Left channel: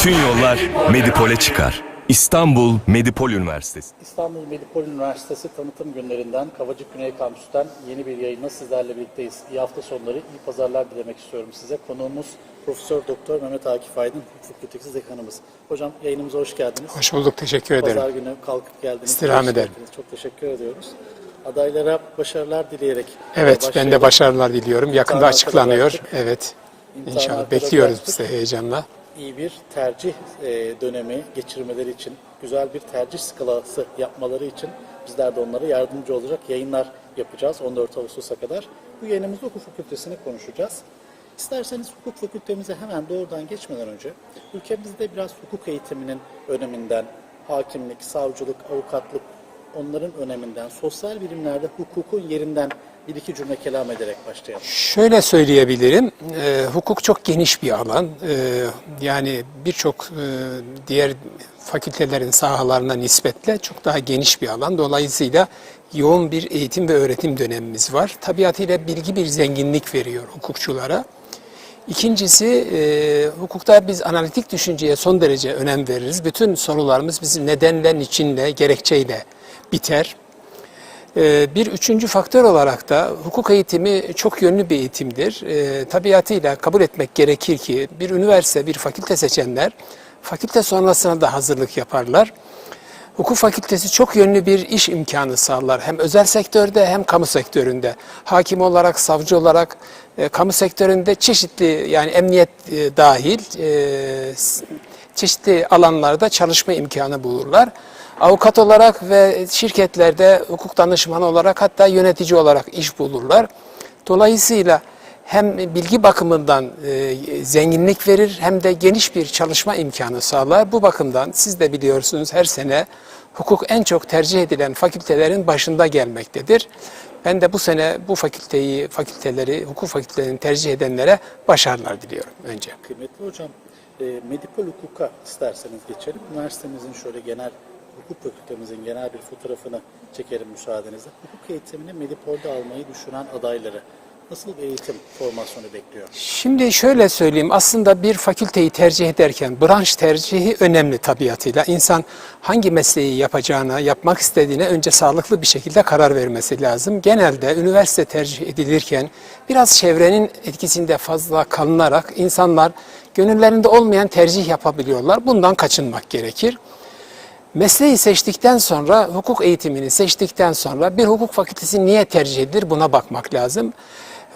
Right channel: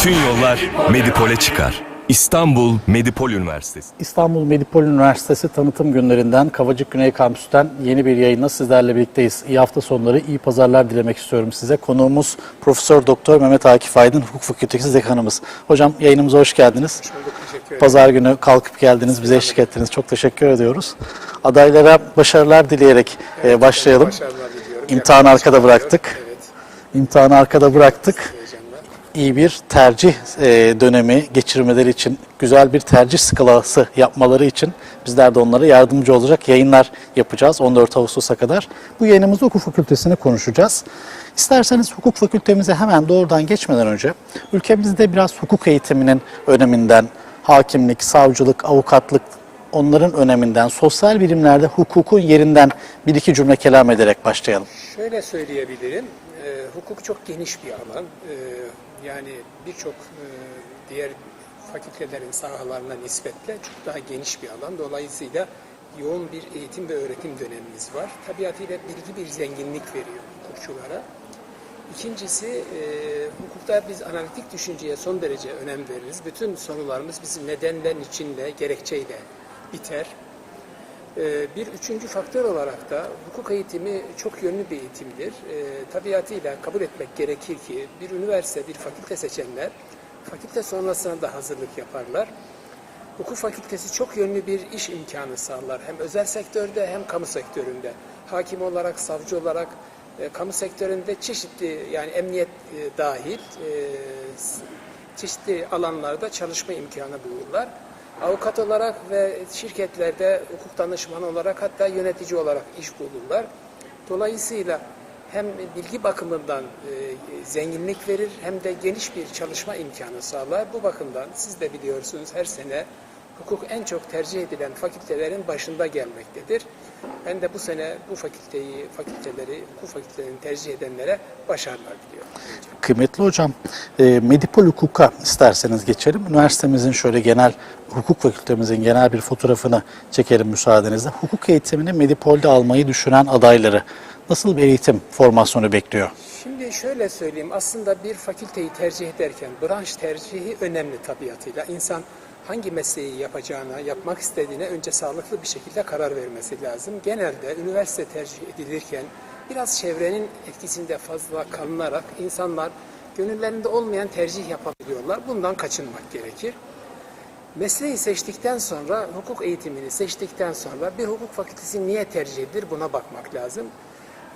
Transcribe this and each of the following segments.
Bütün yollar Medipol'e çıkar. İstanbul Medipol Üniversitesi. İstanbul Medipol Üniversitesi tanıtım günlerinden Kavacık Güney Kampüs'ten yeni bir yayınla sizlerle birlikteyiz. İyi hafta sonları, iyi pazarlar dilemek istiyorum size. Konuğumuz Profesör Doktor Mehmet Akif Aydın, Hukuk Fakültesi dekanımız. Hocam yayınımıza hoş geldiniz. Hoş bulduk, teşekkür ederim. Pazar günü kalkıp geldiniz, bize Selam eşlik ederim. ettiniz. Çok teşekkür ediyoruz. Adaylara başarılar dileyerek e, Evet, ben de başlayalım. başarılar diliyorum. İmtihanı arkada bıraktık. Evet. İmtihanı İnşallah arkada bıraktık. Heyecanla. iyi bir tercih e, dönemi geçirmeleri için, güzel bir tercih skalası yapmaları için bizler de onlara yardımcı olacak yayınlar yapacağız 14 Ağustos'a kadar. Bu yayınımızda hukuk fakültesini konuşacağız. İsterseniz hukuk fakültemize hemen doğrudan geçmeden önce ülkemizde biraz hukuk eğitiminin öneminden, hakimlik, savcılık, avukatlık onların öneminden, sosyal bilimlerde hukukun yerinden bir iki cümle kelam ederek başlayalım. Şöyle söyleyebilirim, e, hukuk çok geniş bir alan. E, yani birçok e, diğer fakültelerin sahalarına nispetle çok daha geniş bir alan. Dolayısıyla yoğun bir eğitim ve öğretim dönemimiz var. Tabiatıyla bilgi bir zenginlik veriyor hukukçulara. İkincisi, e, hukukta biz analitik düşünceye son derece önem veririz. Bütün sorularımız bizim nedenle, niçinle, gerekçeyle biter. E, bir üçüncü faktör olarak da hukuk eğitimi çok yönlü bir eğitimdir. E, tabiatıyla kabul etmek gerekir ki bir üniversite, bir fakülte seçenler fakülte sonrasına da hazırlık yaparlar. Hukuk fakültesi çok yönlü bir iş imkanı sağlar. Hem özel sektörde hem kamu sektöründe. Hakim olarak, savcı olarak e, kamu sektöründe çeşitli yani emniyet e, dahil e, çeşitli alanlarda çalışma imkanı bulurlar. Avukat olarak ve şirketlerde hukuk danışmanı olarak hatta yönetici olarak iş bulurlar. Dolayısıyla hem bilgi bakımından e, zenginlik verir hem de geniş bir çalışma imkanı sağlar. Bu bakımdan siz de biliyorsunuz her sene hukuk en çok tercih edilen fakültelerin başında gelmektedir. Ben de bu sene bu fakülteyi, fakülteleri, hukuk fakültelerini tercih edenlere başarılar diliyorum önce. Kıymetli hocam, e, Medipol Hukuk'a isterseniz geçelim. Üniversitemizin şöyle genel, hukuk fakültemizin genel bir fotoğrafını çekelim müsaadenizle. Hukuk eğitimini Medipol'de almayı düşünen adayları nasıl bir eğitim formasyonu bekliyor? Şimdi şöyle söyleyeyim aslında bir fakülteyi tercih ederken branş tercihi önemli tabiatıyla. İnsan hangi mesleği yapacağına, yapmak istediğine önce sağlıklı bir şekilde karar vermesi lazım. Genelde üniversite tercih edilirken biraz çevrenin etkisinde fazla kalınarak insanlar gönüllerinde olmayan tercih yapabiliyorlar. Bundan kaçınmak gerekir. Mesleği seçtikten sonra, hukuk eğitimini seçtikten sonra bir hukuk fakültesi niye tercih edilir buna bakmak lazım.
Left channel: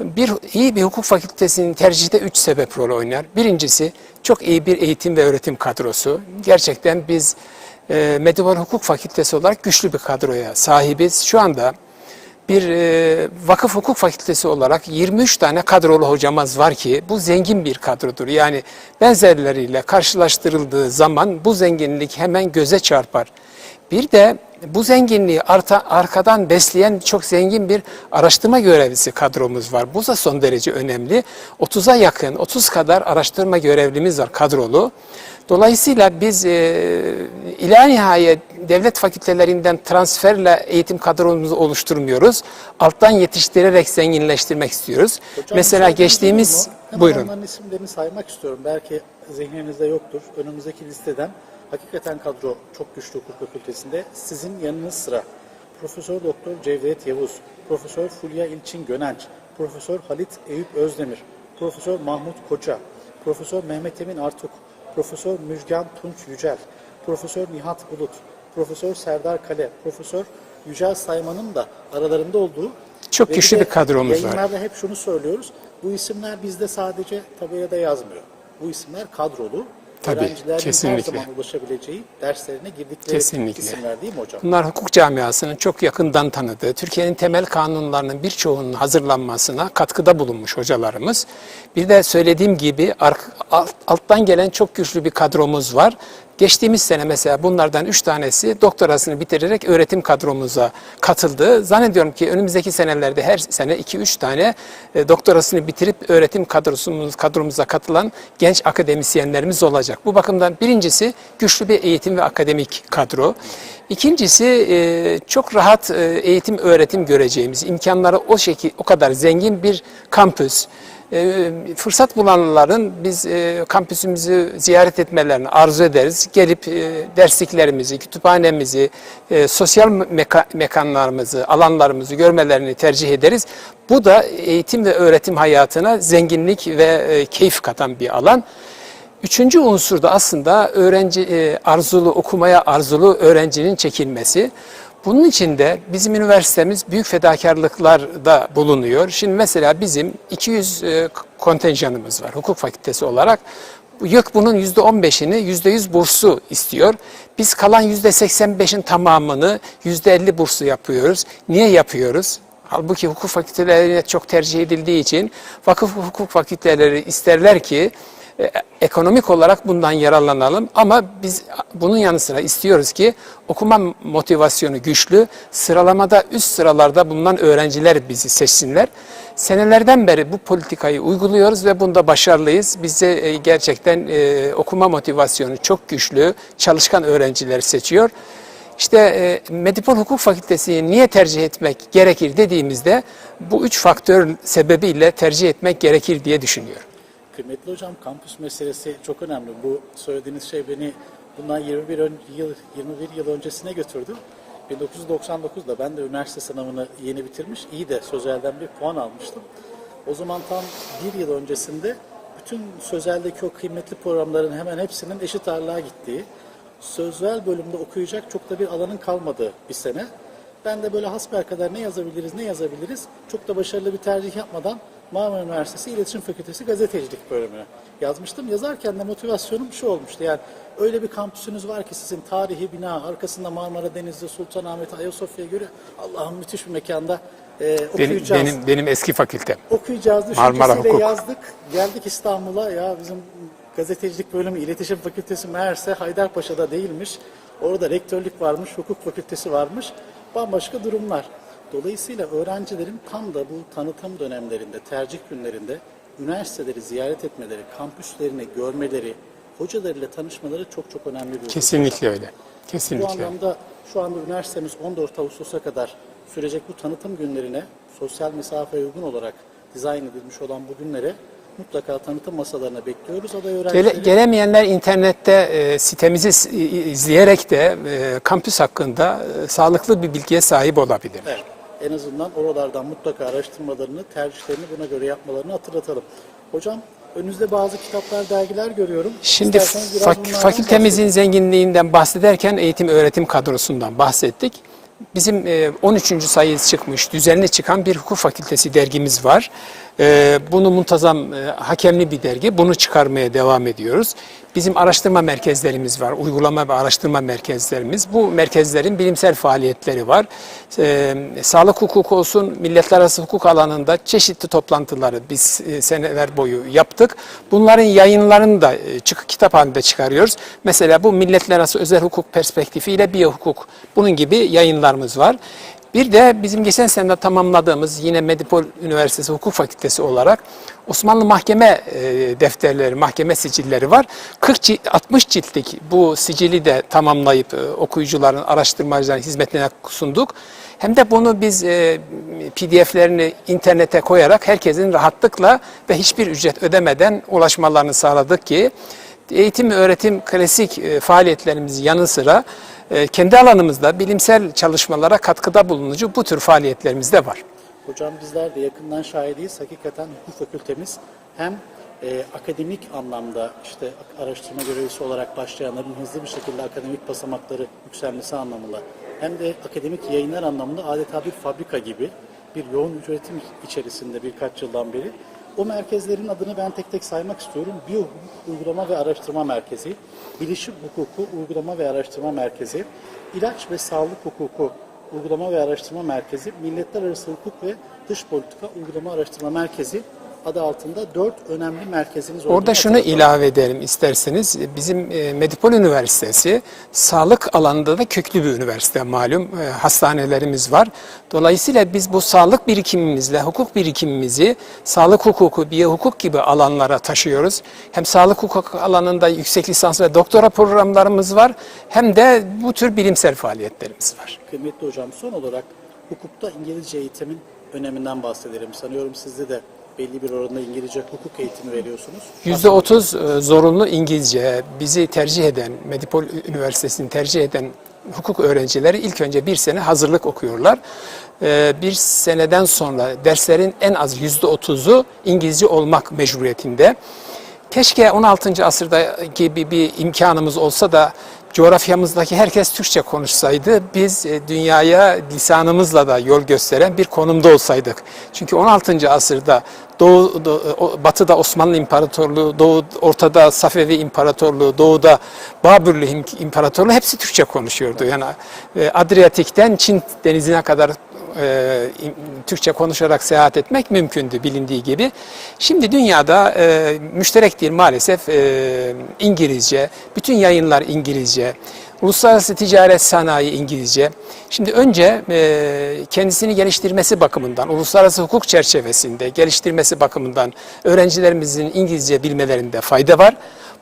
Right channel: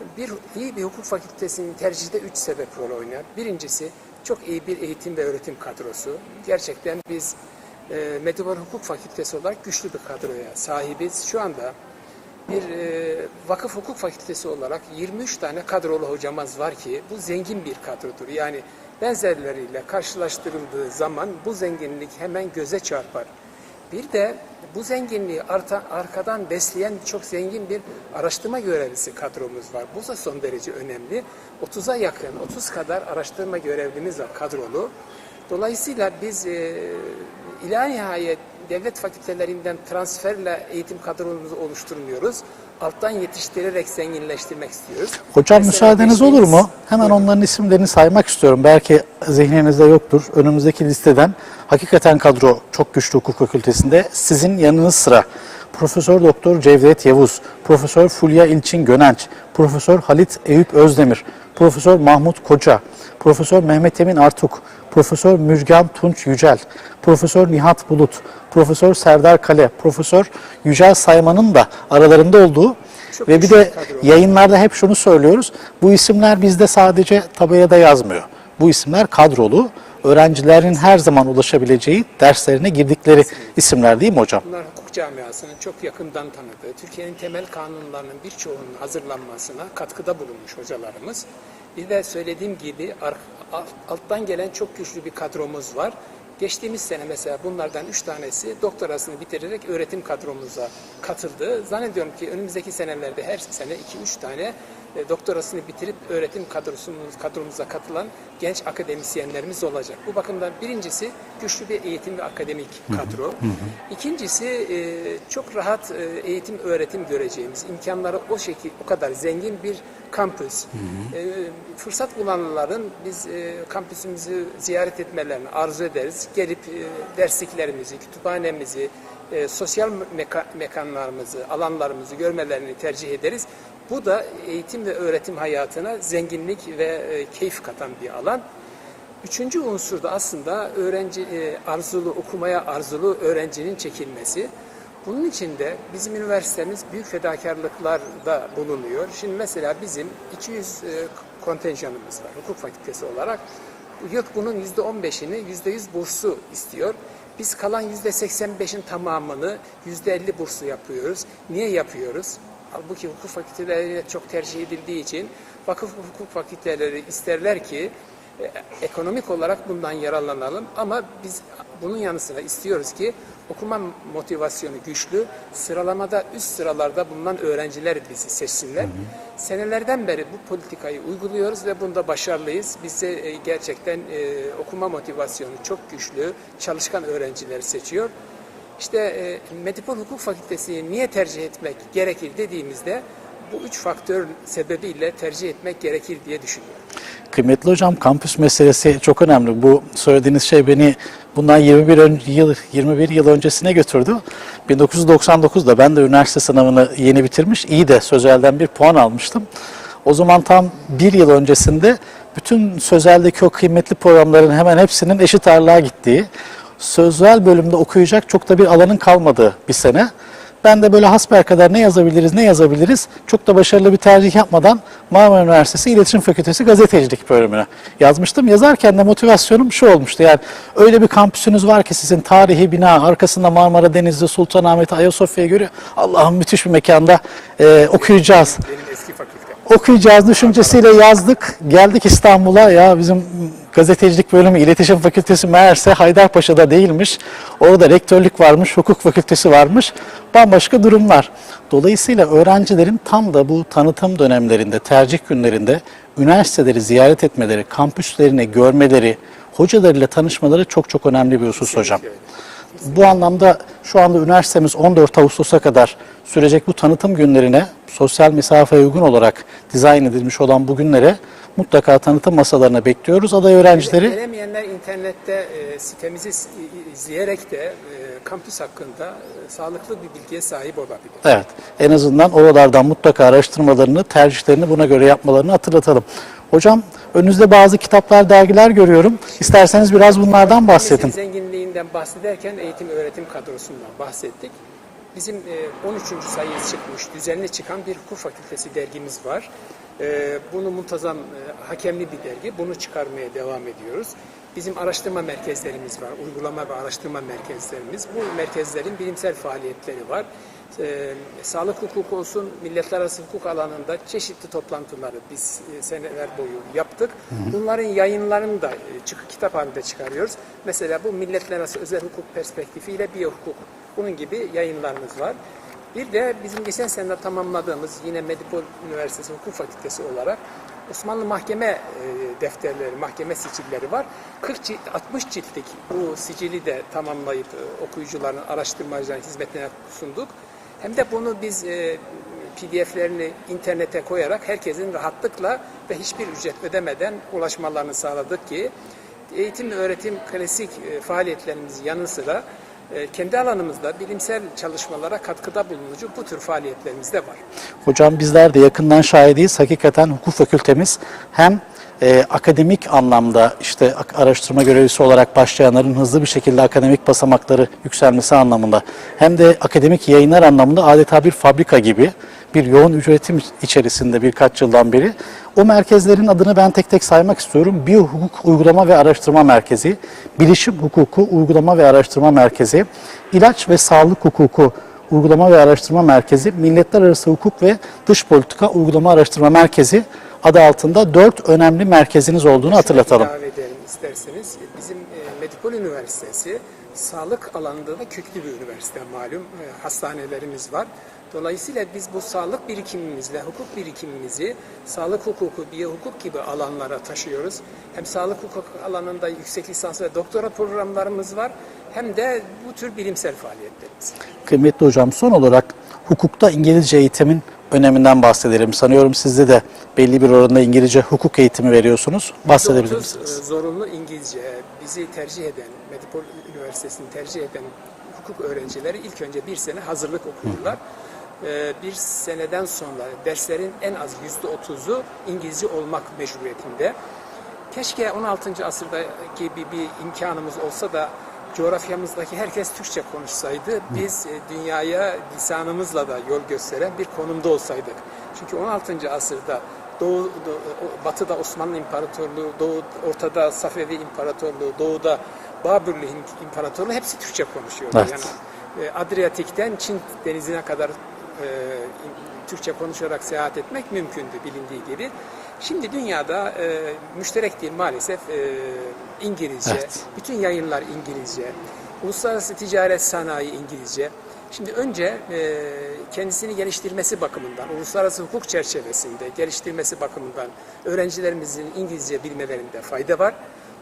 Bir iyi bir hukuk fakültesinin tercihte üç sebep rol oynar. Birincisi çok iyi bir eğitim ve öğretim kadrosu. Gerçekten biz e, Medipol Hukuk Fakültesi olarak güçlü bir kadroya sahibiz. Şu anda bir e, vakıf hukuk fakültesi olarak 23 tane kadrolu hocamız var ki bu zengin bir kadrodur. Yani benzerleriyle karşılaştırıldığı zaman bu zenginlik hemen göze çarpar. Bir de bu zenginliği arta, arkadan besleyen çok zengin bir araştırma görevlisi kadromuz var. Bu da son derece önemli. 30'a yakın, 30 kadar araştırma görevlimiz var kadrolu. Dolayısıyla biz e, ila nihayet devlet fakültelerinden transferle eğitim kadromuzu oluşturmuyoruz. Alttan yetiştirerek zenginleştirmek istiyoruz. Hocam Mesela müsaadeniz olur geçtiğimiz- mu? Hemen Buyurun. onların isimlerini saymak istiyorum. Belki zihninizde yoktur. Önümüzdeki listeden hakikaten kadro çok güçlü hukuk fakültesinde sizin yanınız sıra. Profesör Doktor Cevdet Yavuz, Profesör Fulya İlçin Gönenç, Profesör Halit Eyüp Özdemir, Profesör Mahmut Koca, Profesör Mehmet Emin Artuk, Profesör Müjgan Tunç Yücel, Profesör Nihat Bulut, Profesör Serdar Kale, Profesör Yücel Sayman'ın da aralarında olduğu Çok ve bir de kadromuz var. yayınlarda hep şunu söylüyoruz. Bu isimler bizde sadece tabelada yazmıyor. Bu isimler kadrolu. Öğrencilerin her kesinlikle. zaman ulaşabileceği derslerine girdikleri Kesinlikle. isimler değil mi hocam? Bunlar hukuk camiasının çok yakından tanıdığı, Türkiye'nin temel kanunlarının birçoğunun hazırlanmasına katkıda bulunmuş hocalarımız. Bir de söylediğim gibi alt- alttan gelen çok güçlü bir kadromuz var Geçtiğimiz sene mesela bunlardan 3 tanesi doktorasını bitirerek öğretim kadromuza katıldı. Zannediyorum ki önümüzdeki senelerde her sene 2-3 tane e, doktorasını bitirip öğretim kadrosumuz, kadromuza katılan genç akademisyenlerimiz olacak. Bu bakımdan birincisi güçlü bir eğitim ve akademik kadro. İkincisi e, çok rahat e, eğitim öğretim göreceğimiz, imkanları o şekil o kadar zengin bir kampüs. Fırsat bulanların biz kampüsümüzü ziyaret etmelerini arzu ederiz. Gelip e, dersliklerimizi, kütüphanemizi, e, sosyal meka- mekanlarımızı, alanlarımızı görmelerini tercih ederiz. Bu da eğitim ve öğretim hayatına zenginlik ve e, keyif katan bir alan. Üçüncü unsur da aslında öğrenci e, arzulu, okumaya arzulu öğrencinin çekilmesi. Bunun için de bizim üniversitemiz büyük fedakarlıklarda bulunuyor. Şimdi mesela bizim 200 e, kontenjanımız var hukuk fakültesi olarak. YÖK bunun %15'ini %100 burslu istiyor. Biz kalan %85'in tamamını %50 burslu yapıyoruz. Niye yapıyoruz? Halbuki hukuk fakültelerine çok tercih edildiği için vakıf hukuk fakülteleri isterler ki ekonomik olarak bundan yararlanalım ama biz bunun yanı sıra istiyoruz ki okuma motivasyonu güçlü, sıralamada üst sıralarda bulunan öğrenciler bizi seçsinler. Senelerden beri bu politikayı uyguluyoruz ve bunda başarılıyız. Bize e, gerçekten e, okuma motivasyonu çok güçlü, çalışkan öğrencileri seçiyor. İşte e, Medipol Hukuk Fakültesi'ni niye tercih etmek gerekir dediğimizde bu üç faktör sebebiyle tercih etmek gerekir diye düşünüyorum. Kıymetli hocam kampüs meselesi çok önemli. Bu söylediğiniz şey beni bundan 21 ön- yıl 21 yıl öncesine götürdü. 1999'da ben de üniversite sınavını yeni bitirmiş, iyi de sözelden bir puan almıştım. O zaman tam bir yıl öncesinde bütün sözeldeki o kıymetli programların hemen hepsinin eşit ağırlığa gittiği, sözel bölümde okuyacak çok da bir alanın kalmadığı bir sene. Ben de böyle hasbelkader ne yazabiliriz, ne yazabiliriz çok da başarılı bir tercih yapmadan Marmara Üniversitesi İletişim Fakültesi Gazetecilik bölümüne yazmıştım. Yazarken de motivasyonum şu olmuştu yani öyle bir kampüsünüz var ki sizin tarihi bina, arkasında Marmara Denizli, Sultanahmet, Ayasofya'ya göre Allah'ım müthiş bir mekanda e, okuyacağız Benim, benim eski fakültem. okuyacağız düşüncesiyle Marmara. yazdık. Geldik İstanbul'a ya bizim gazetecilik bölümü iletişim fakültesi meğerse Haydarpaşa'da değilmiş. Orada rektörlük varmış, hukuk fakültesi varmış. Bambaşka durumlar. Dolayısıyla öğrencilerin tam da bu tanıtım dönemlerinde, tercih günlerinde üniversiteleri ziyaret etmeleri, kampüslerini görmeleri, hocalarıyla tanışmaları çok çok önemli bir husus hocam. Kesinlikle öyle. Kesinlikle. Bu anlamda şu anda üniversitemiz 14 Ağustos'a kadar sürecek bu tanıtım günlerine sosyal mesafeye uygun olarak dizayn edilmiş olan bu günlere mutlaka tanıtım masalarına bekliyoruz. Aday Gele- öğrencileri Gelemeyenler internette e, sitemizi izleyerek de e, kampüs hakkında e, sağlıklı bir bilgiye sahip olabilir. evet en azından oralardan mutlaka araştırmalarını, tercihlerini buna göre yapmalarını hatırlatalım. Hocam önünüzde bazı kitaplar, dergiler görüyorum. İsterseniz biraz bunlardan fakültemizin bahsedin. zenginliğinden bahsederken eğitim öğretim kadrosundan bahsettik. Bizim e, 13. sayı çıkmış, düzenli çıkan bir hukuk fakültesi dergimiz var. E, Bunu muntazam, e, hakemli bir dergi. Bunu çıkarmaya devam ediyoruz. Bizim araştırma merkezlerimiz var, uygulama ve araştırma merkezlerimiz. Bu merkezlerin bilimsel faaliyetleri var. E, sağlık hukuku olsun, milletler arası hukuk alanında çeşitli toplantıları biz e, seneler boyu yaptık. Bunların yayınlarını da e, çık, kitap halinde çıkarıyoruz. Mesela bu milletler arası özel hukuk perspektifiyle biyokuk, bunun gibi yayınlarımız var. Bir de bizim geçen sene tamamladığımız yine Medipol Üniversitesi Hukuk Fakültesi olarak Osmanlı mahkeme e, defterleri, mahkeme sicilleri var. 40 cilt, 60 ciltlik bu sicili de tamamlayıp e, okuyucuların, araştırmacıların hizmetine sunduk. Hem de bunu biz e, PDF'lerini internete koyarak herkesin rahatlıkla ve hiçbir ücret ödemeden ulaşmalarını sağladık ki eğitim ve öğretim klasik faaliyetlerimizin yanı sıra kendi alanımızda bilimsel çalışmalara katkıda bulunucu bu tür faaliyetlerimiz de var. Hocam bizler de yakından şahidiyiz. Hakikaten hukuk fakültemiz hem e, akademik anlamda işte araştırma görevlisi olarak başlayanların hızlı bir şekilde akademik basamakları yükselmesi anlamında hem de akademik yayınlar anlamında adeta bir fabrika gibi bir yoğun üretim içerisinde birkaç yıldan beri. O merkezlerin adını ben tek tek saymak istiyorum. Biyohukuk Uygulama ve Araştırma Merkezi, Bilişim Hukuku Uygulama ve Araştırma Merkezi, İlaç ve Sağlık Hukuku Uygulama ve Araştırma Merkezi, Milletler Arası Hukuk ve Dış Politika Uygulama Araştırma Merkezi, adı altında dört önemli merkeziniz olduğunu şunu hatırlatalım. ilave edelim isterseniz. Bizim e, Medipol Üniversitesi sağlık alanında da köklü bir üniversite malum. E, Hastanelerimiz var. Dolayısıyla biz bu sağlık birikimimizle hukuk birikimimizi sağlık hukuku, biyokuk gibi alanlara taşıyoruz. Hem sağlık hukuk alanında yüksek lisans ve doktora programlarımız var hem de bu tür bilimsel faaliyetlerimiz var. Kıymetli hocam son olarak hukukta İngilizce eğitimin öneminden bahsedelim. Sanıyorum sizde de belli bir oranda İngilizce hukuk eğitimi veriyorsunuz. Bahsedebilir misiniz? %30 e, zorunlu İngilizce bizi tercih eden, Medipol Üniversitesi'ni tercih eden hukuk öğrencileri ilk önce bir sene hazırlık okuyorlar. E, Bir seneden sonra derslerin en az %30'u İngilizce olmak mecburiyetinde. Keşke 16. asırdaki bir, bir imkanımız olsa da coğrafyamızdaki herkes Türkçe konuşsaydı, biz e, dünyaya lisanımızla da yol gösteren bir konumda olsaydık. Çünkü 16. asırda Doğu, Doğu- o- Batı'da Osmanlı İmparatorluğu, Doğu, Ortada Safevi İmparatorluğu, Doğu'da Babürlü İm- İmparatorluğu hepsi Türkçe konuşuyordu. Evet. Yani e, Adriyatik'ten Çin denizine kadar e, Türkçe konuşarak seyahat etmek mümkündü bilindiği gibi. Şimdi dünyada e, müşterek dil maalesef e, İngilizce, bütün yayınlar İngilizce, uluslararası ticaret sanayi İngilizce. Şimdi önce e, kendisini geliştirmesi bakımından, uluslararası hukuk çerçevesinde geliştirmesi bakımından öğrencilerimizin İngilizce bilmelerinde fayda var.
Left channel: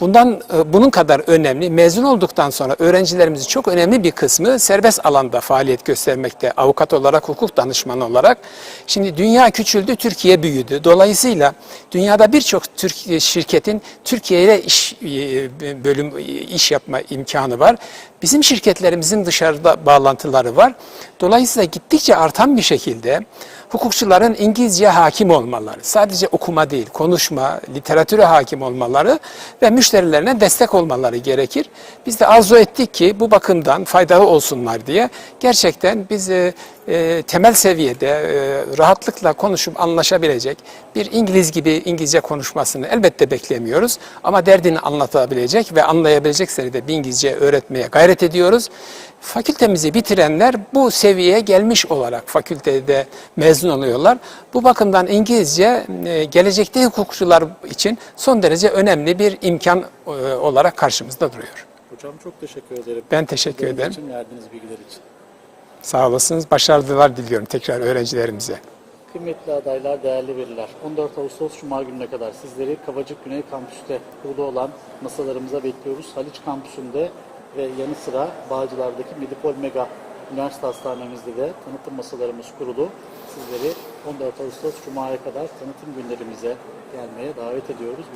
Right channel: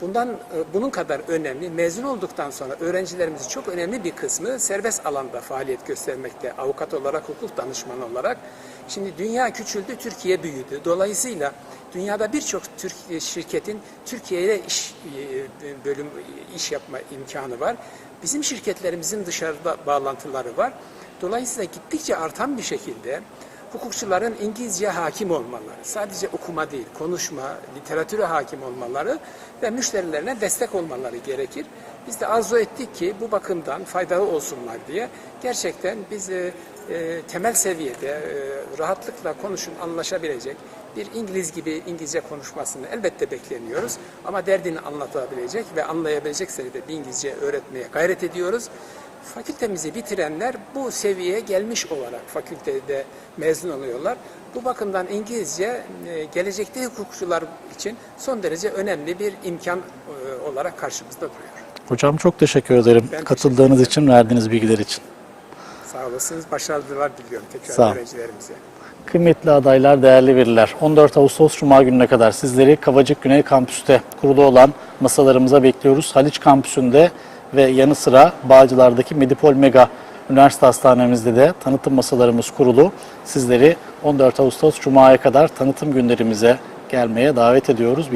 Bundan e, bunun kadar önemli mezun olduktan sonra öğrencilerimizin çok önemli bir kısmı serbest alanda faaliyet göstermekte. Avukat olarak, hukuk danışmanı olarak. Şimdi dünya küçüldü, Türkiye büyüdü. Dolayısıyla dünyada birçok Türk şirketin Türkiye ile iş e, bölüm iş yapma imkanı var. Bizim şirketlerimizin dışarıda bağlantıları var. Dolayısıyla gittikçe artan bir şekilde hukukçuların İngilizce hakim olmaları, sadece okuma değil, konuşma, literatüre hakim olmaları ve müşterilerine destek olmaları gerekir. Biz de arzu ettik ki bu bakımdan faydalı olsunlar diye gerçekten biz e, temel seviyede e, rahatlıkla konuşup anlaşabilecek bir İngiliz gibi İngilizce konuşmasını elbette beklemiyoruz. Ama derdini anlatabilecek ve anlayabilecek seviyede bir İngilizce öğretmeye gayret ediyoruz. Fakültemizi bitirenler bu seviyeye gelmiş olarak fakültede mezun oluyorlar. Bu bakımdan İngilizce e, gelecekte hukukçular için son derece önemli bir imkan e, olarak karşımızda duruyor. Hocam çok teşekkür ederim Ben teşekkür katıldığınız ederim. için, verdiğiniz bilgiler için. Sağ olasınız. Başarılar diliyorum tekrar öğrencilerimize. Kıymetli adaylar, değerli veliler, 14 Ağustos Cuma gününe kadar sizleri Kavacık Güney Kampüs'te kurulu olan masalarımıza bekliyoruz. Haliç Kampüsü'nde ve yanı sıra Bağcılar'daki Medipol Mega Üniversite Hastanemizde de tanıtım masalarımız kurulu. Sizleri 14 Ağustos Cuma'ya kadar tanıtım günlerimize gelmeye davet ediyoruz.